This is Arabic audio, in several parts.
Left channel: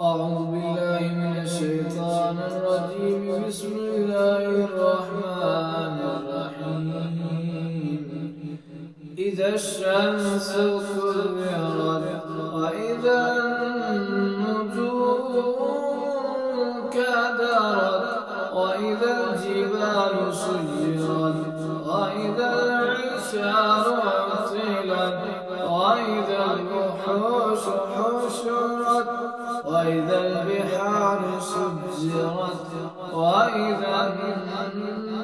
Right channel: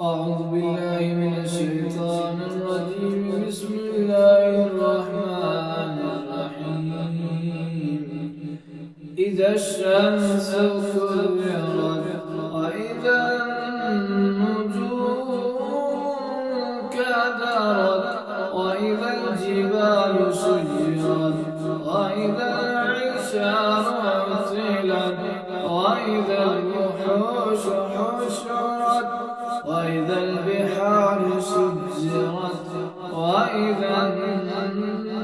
أعوذ بالله من الشيطان الرجيم. بسم الله الرحمن الرحيم. إذا الشمس كورت وإذا النجوم كدرت وإذا الجبال سجرت وإذا العشار عطلت وإذا الوحوش حشرت وإذا البحار سجرت وإذا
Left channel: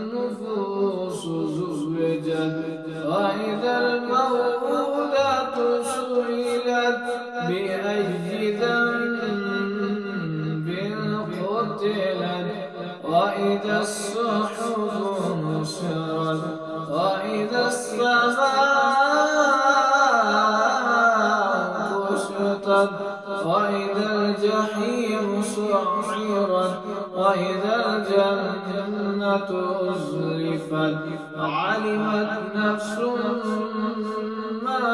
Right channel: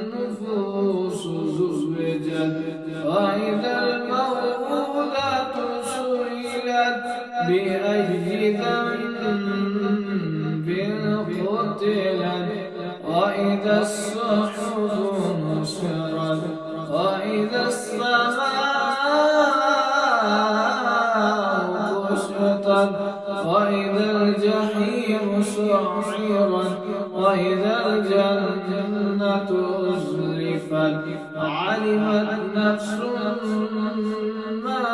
النفوس زوجت وإذا الموءودة سئلت بأي ذنب قتلت وإذا الصحف نشرت وإذا السماء كشطت وإذا الجحيم سعرت وإذا الجنة أزلفت علمت نفس ما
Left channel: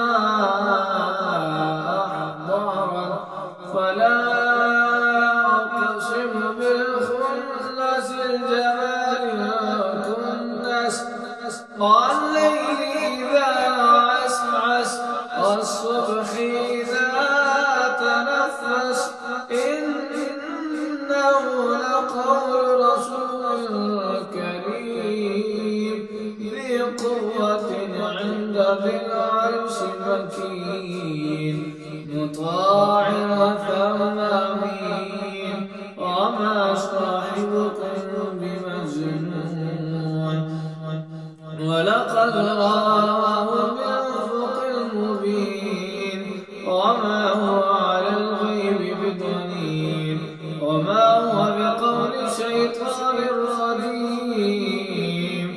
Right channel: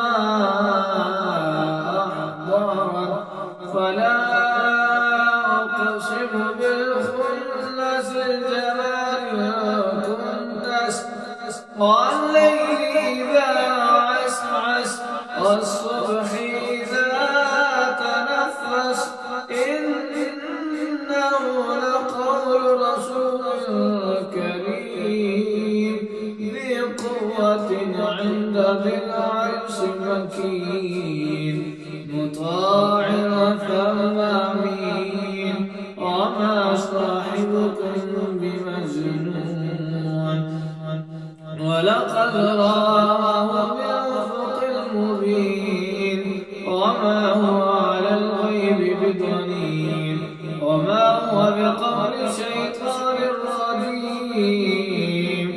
أحضرت فلا أقسم بالخنس الجوار الكنس والليل إذا عسعس والصبح إذا تنفس إنه لقول رسول كريم ذي قوة عند ذي العرش مكين مطاع ثم أمين وما صاحبكم بمجنون ولقد رآه بالأفق المبين وما هو على الغيب بضنين وما هو بقول شيطان رجيم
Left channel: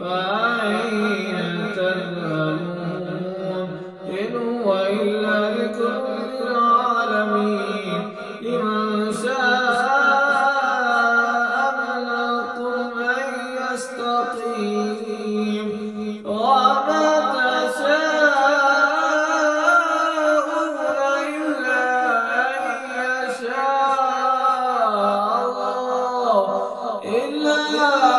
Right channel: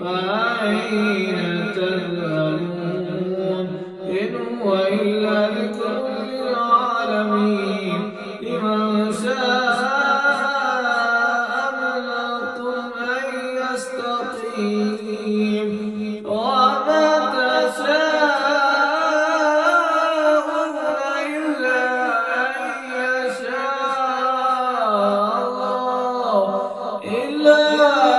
فأين تذهبون إن هو إلا ذكر للعالمين لمن شاء منكم أن يستقيم وما تشاءون إلا أن يشاء الله